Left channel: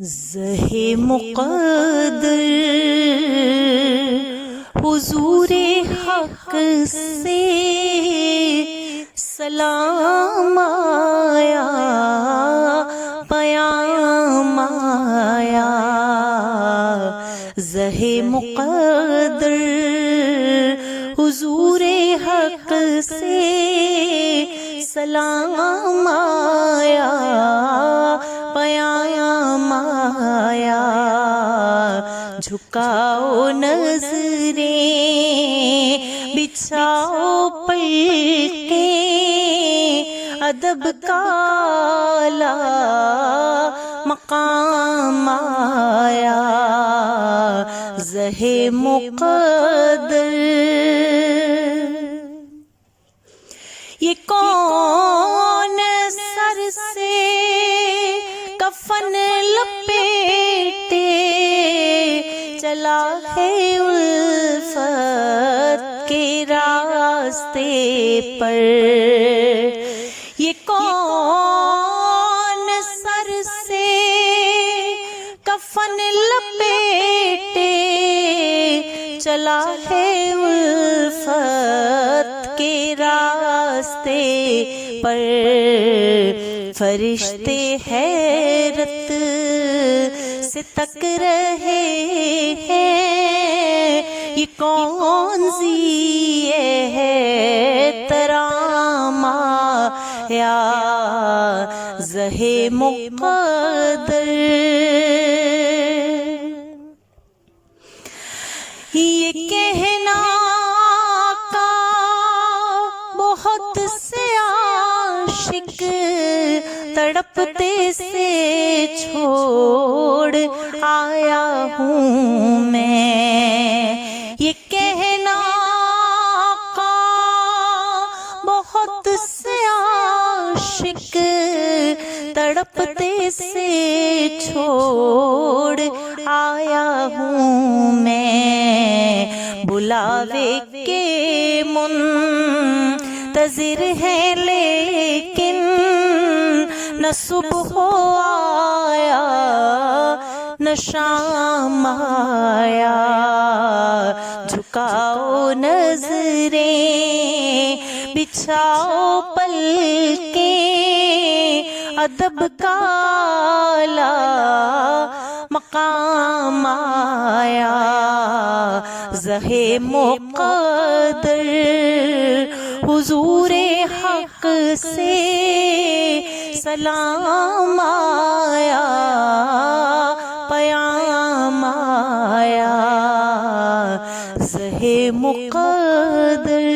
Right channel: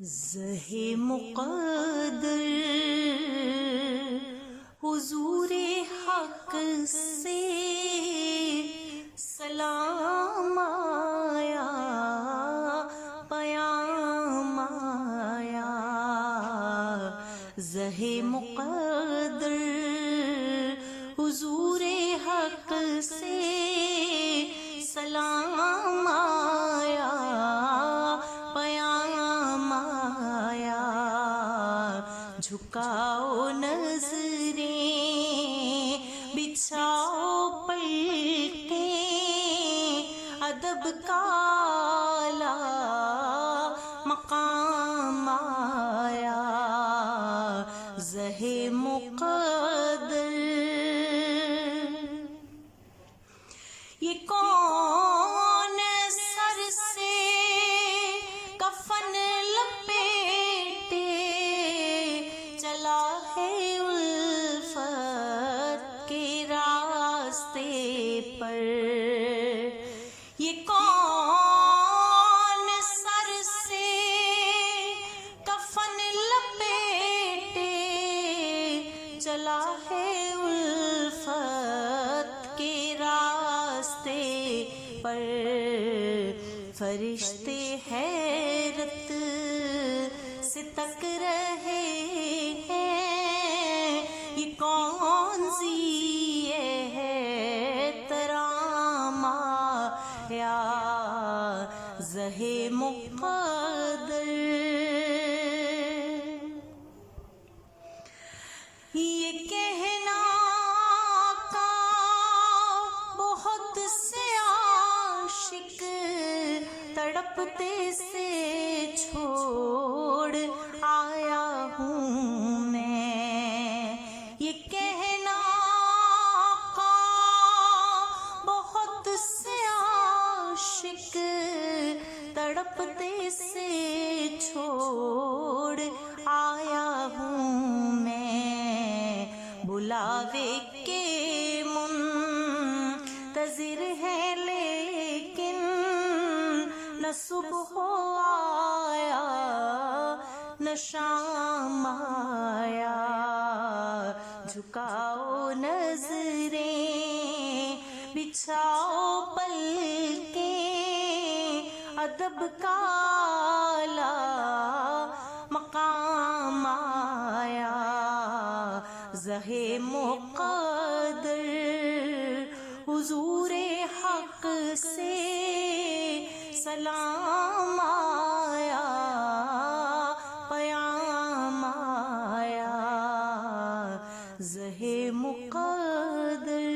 ज़हे मुक़द्दर हुज़ूरे हक़ से सलाम आया, पयाम आया। ज़हे मुक़द्दर हुज़ूरे हक़ से सलाम आया, पयाम आया। झुकाओ नज़रें, बिछाओ पलकें, अदब का आला मकाम आया। ज़हे मुक़द्दर ये कौन सर से कफन लपेटे चला है उल्फत के रास्ते पर। ये कौन सर से कफन लपेटे चला है उल्फत के रास्ते पर। फरिश्ते हैरत से तक रहे हैं, ये कौन ज़िए है तरामा या। ज़हे मुक़द्दर ये कहना का बहुत से आशिक तड़पते से छोड़ आया हूँ मैं। ये कहना का बहुत से आशिक तड़पते से छोड़ आया हूँ मैं। बुलावे के मुंतज़िर है लेकिन न सुबह आया न शाम आया। झुकाओ नज़रें, बिछाओ पलकें, अदब का आला मकाम आया। ज़हे मुक़द्दर हुज़ूरे हक़ से सलाम आया, पयाम आया। ज़हे मुक़द्दर